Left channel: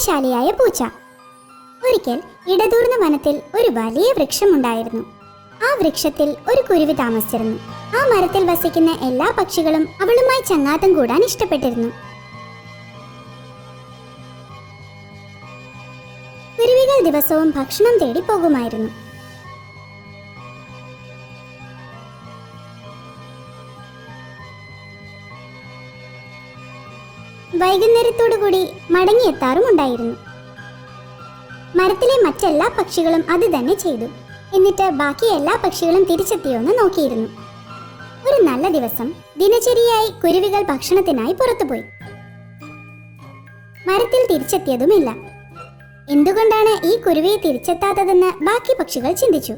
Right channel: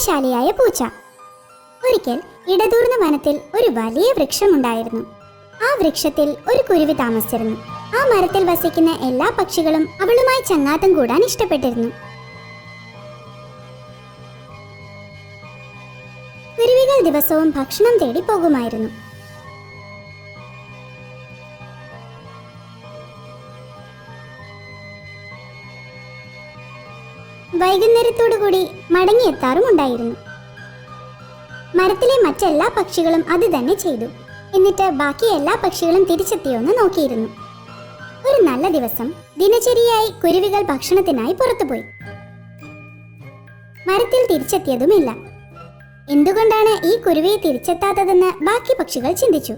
ബുദ്ധിശാലിയായ പൂച്ച. ഒരിക്കൽ ഇടതൂർന്ന വനത്തിൽ ഒരു വലിയ വൃക്ഷമുണ്ടായിരുന്നു. ആ വൃക്ഷത്തിൽ ഒരു കുരുവി താമസിച്ചിരുന്നു. ആ മരത്തിൽ വസിക്കുന്ന എല്ലാ പക്ഷികളും അവളുമായി ചെന്നാട്ടം കൂടാൻ ഇഷ്ടപ്പെട്ടിരുന്നു. കുരുവികൾ ദിവസവും ഭക്ഷണം തേടി പോകുമായിരുന്നു. വൈകുന്നേരത്തോടുകൂടി മടങ്ങിയെത്താറും ഉണ്ടായിരുന്നു. മരത്തിലെ മറ്റെല്ലാ പക്ഷികളും അത് തന്നെ ചെയ്തു. എന്നിട്ട് ബാക്കി എല്ലാ പക്ഷികളും തിരിച്ചെത്തിയോ എന്ന് നോക്കിയിരുന്നു. ഒരു നല്ല ദിവസം ദിനചര്യയായി കുരുവികൾ ഭക്ഷണത്തിനായി പുറത്തുപോയി. മരത്തിൽ തിരിച്ചെത്തിയതുമില്ല. എന്തുകൊണ്ടാണ് ഈ കുരുവിയെ തിരിച്ചെത്താത്തതെന്ന് ബാക്കി പക്ഷികൾ ചിന്തിച്ചു.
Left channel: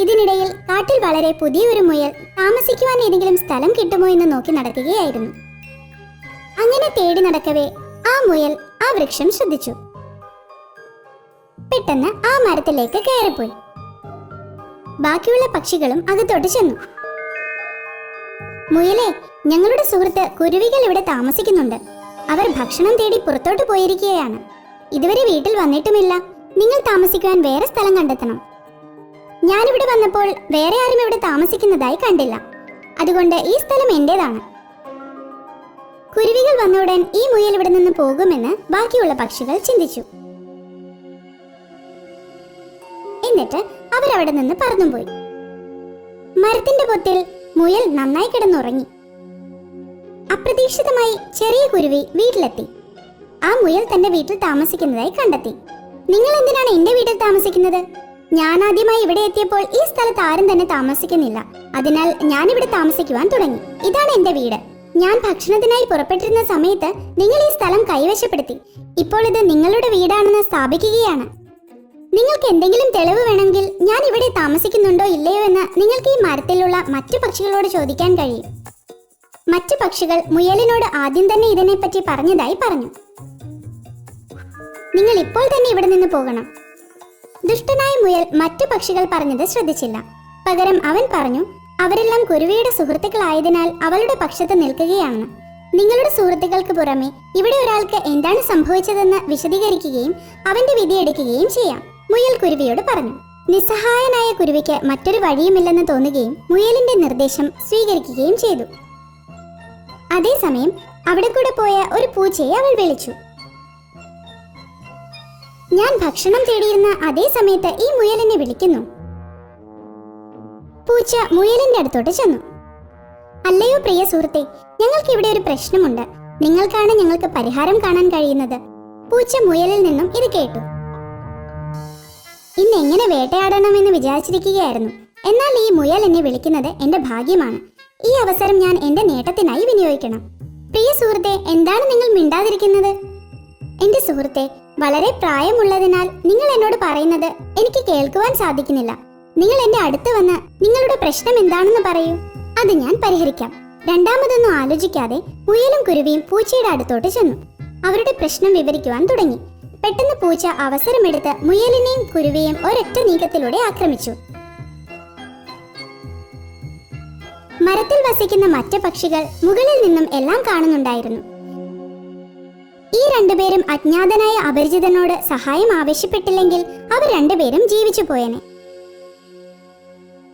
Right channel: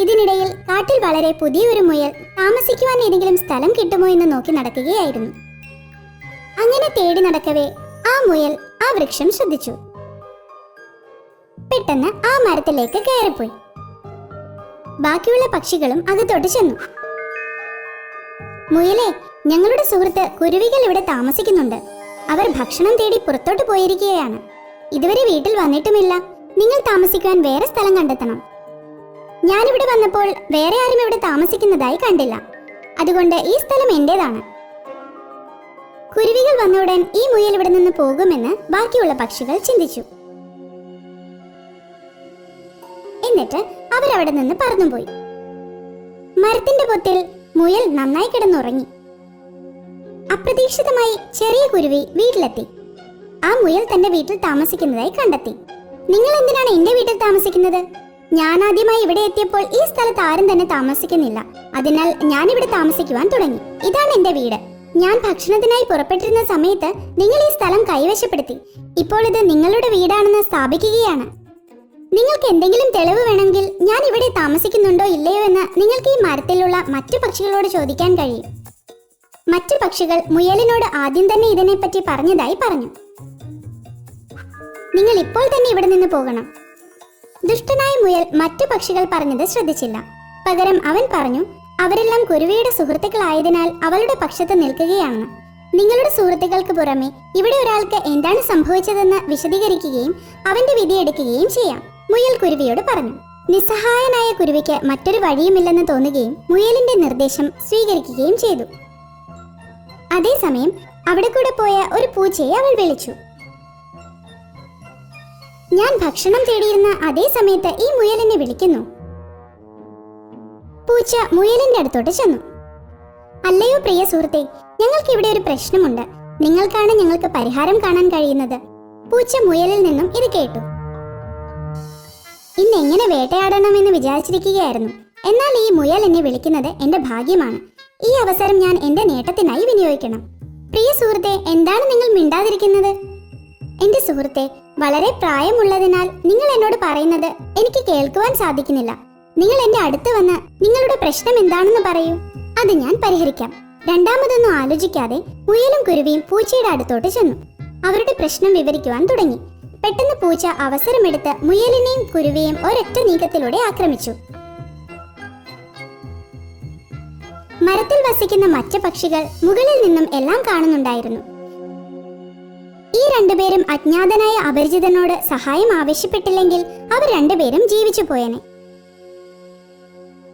ഇതിനിടയിൽ കാട്ടിൽ വളരെ പുതിയൊരു മുയൽ താമസിക്കുവാൻ ഏതെങ്കിലും സ്ഥലം കിട്ടുമോ എന്ന് നോക്കി നടക്കുകയായിരുന്നു. അങ്ങനെ തേടി നടക്കവേ ആ മുയൽ ആ വൃക്ഷം ശ്രദ്ധിച്ചു. പെട്ടെന്ന് ആ മരത്തിലേക്ക് കയറിപ്പോയി. ബാക്കിയുള്ള പക്ഷികളും അകത്തോട്ട് ചെന്നു. മുയലെ ഞങ്ങളുടെ സുഹൃത്ത് കുരുവികൾ ഇവിടെ താമസിക്കുന്നുണ്ട്. അവർ ഭക്ഷണം തേടി പുറത്തോട്ട് പോയിരിക്കുകയാണ്. ഇതുവരെ വീട്ടിൽ വന്നിട്ടുമില്ല. നിങ്ങൾ താമസിക്കുവാൻ വേറെ സ്ഥലം കണ്ടെത്തണം. ഞാനിവിടെ വന്നപ്പോൾ വേറെ ആരും ഇവിടെ താമസിക്കുന്നതായി കണ്ടില്ല. അതുകൊണ്ട് ഈ സ്ഥലം എന്റേതാണ്. കുരുവികൾ വന്ന ഉടൻ ഈ മുയൽ ഇവിടെ നിന്ന് പോകുമെന്ന് ബാക്കിയുള്ള പക്ഷികൾ ചിന്തിച്ചു. എന്നിട്ട് അവരവിടെ നിന്ന് പറന്നുപോയി മരത്തിന്റെ പൊത്തിൽ മുയൽ നന്നായി കിടന്നുറങ്ങി. അപ്രതീക്ഷിതമായി ചെറിയ കുരുവി വീട്ടിലെത്തി. ആ മുയൽ തന്റെ വീട്ടിൽ താമസിക്കുന്നതായി കണ്ടെത്തി. നിങ്ങൾ എന്തിനാണ് എന്റെ വീട്ടിൽ താമസിക്കുന്നത്? ഞാൻ ആദ്യമായി ഇവിടെ എത്തിയപ്പോൾ ഈ സ്ഥലത്ത് ആരും തന്നെ താമസിക്കുന്നില്ല. അതിനാൽ ഞാൻ ഇവിടെ താമസിക്കുവാൻ തുടങ്ങി. ഇതാണ് എന്റെ വീട്. ഞാൻ ഭക്ഷണത്തിനായി പുറപ്പെട്ടിരുന്ന സമയത്ത് നിങ്ങൾ ഈ സ്ഥലം കൈവശപ്പെടുത്തി. ഇപ്പോൾ ഇത് നിങ്ങളുടെ വീടാണെന്ന് സ്ഥാപിക്കുകയാണ്. നിങ്ങൾക്ക് എന്തെങ്കിലും തെളിവ് വേണമെങ്കിൽ ഞാൻ ഇവിടെ താമസിക്കുന്നുണ്ടോ ഇല്ലയോ എന്ന് നിങ്ങൾക്ക് ഈ മരത്തിലുള്ള മറ്റു പക്ഷികളോട് ചോദിക്കാൻ കഴിയും. മറ്റു പക്ഷികൾ മുയലിനോട് ആദ്യം തന്നെ ഇതിനെപ്പറ്റി പറഞ്ഞതായി പറഞ്ഞു. നിങ്ങൾ ഇപ്പോൾ തന്നെ ഇവിടെ നിന്ന് പോകണം. ദുഷ്ടനായ മുയൽ മറ്റു പക്ഷികൾ പറഞ്ഞത് ശ്രദ്ധിച്ചില്ല. പകരം അവൻ പറഞ്ഞു അവരെല്ലാം കുരുവിയുടെ സുഹൃത്തുക്കളായതിനാൽ അവരുടെ പക്ഷത്ത് നിൽക്കുകയാണ്. നിങ്ങളുടെ സുഹൃത്തുക്കൾക്ക് പുറമെ ഇവിടെ ഒരാൾക്ക് എന്താണ് സംഭവിച്ചതെന്ന് വിശദീകരിക്കുകയും അവന്റെ വിധിയെടുക്കുകയും ചെയ്യാം മുയൽ കുരുവിയോട് പറഞ്ഞു. നിസ്സഹായനായ കുരുവിക്ക് മറ്റൊരു വഴിയുമില്ലെന്ന് തോന്നുകയും മുയലിന്റെ നിർദ്ദേശം സ്വീകരിക്കുകയും ചെയ്തു. അതേസമയം അവിടെ കൂടെ പോയ ഒരു പൂച്ചയെ അവൾ വിളിച്ചു. ഞാൻ ഭക്ഷണം തേടിയിരുന്ന അതേ സമയത്ത് ഈ മുയലിനെ വിളിക്കുന്നു. പൂച്ച മുയലിന്റെ അടുത്തോട്ട് ചെന്നു. അല്ലയോ പ്രിയ സുഹൃത്തെ ഞങ്ങൾക്ക് ഇവിടെ ഒരു പ്രശ്നമുണ്ട്. നിങ്ങൾക്കാണ് ഞങ്ങൾക്ക് പരിഹാരം കാണാൻ കഴിയുന്നത്. പൂച്ച മുയലിൽ നിന്നും ഇത് കേട്ടു. ഇന്ന് എങ്ങനെ വേട്ടയാടണമെന്ന് വിചാരിച്ചിരിക്കുകയായിരുന്നു. എന്നാൽ ഈ മുയൽ എന്നെ വിളിക്കുന്നത് എന്റെ ഭാഗ്യമാണ്. ഈ അവസരം ഞാൻ എന്റെ നേട്ടത്തിനായി വിനിയോഗിക്കണം. പ്രിയ സുഹൃത്തെ എന്താണ് നിങ്ങൾ മിണ്ടാതിരിക്കുന്നത്? എന്റെ സുഹൃത്തെ വളരെ പ്രായമുള്ളതിനാൽ നിങ്ങൾ എന്നോട് പറയുന്നത് എനിക്ക് കേൾക്കുവാൻ സാധിക്കുന്നില്ല. നിങ്ങൾ എന്റെ അടുത്ത് വന്ന് നിങ്ങളുടെ പ്രശ്നം എന്താണെന്ന് പറയൂ. അത് ഞാൻ പരിഹരിക്കാം. രണ്ടാമതൊന്നും ആലോചിക്കാതെ മുയലും കുരുവിയും പൂച്ചയുടെ അടുത്തോട്ട് ചെന്നു. അവരുടെ പ്രശ്നം വിവരിക്കുവാൻ തുടങ്ങി. പെട്ടെന്ന് പൂച്ച അവസരമെടുത്ത് മുയലിനെയും കുരുവിയും ഒരൊറ്റ നീക്കത്തിലൂടെ ആക്രമിച്ചു. മരത്തിൽ വസിക്കുന്ന മറ്റു പക്ഷികൾ മുകളിൽ നിന്നും എല്ലാം കാണുന്നുണ്ടായിരുന്നു. ഈ രണ്ടുപേരും അജ്ഞാതനായ അപരിചിതനോട് സഹായം ആവശ്യപ്പെട്ടില്ലെങ്കിൽ അവർ രണ്ടുപേരും ജീവിച്ചു പോയനെ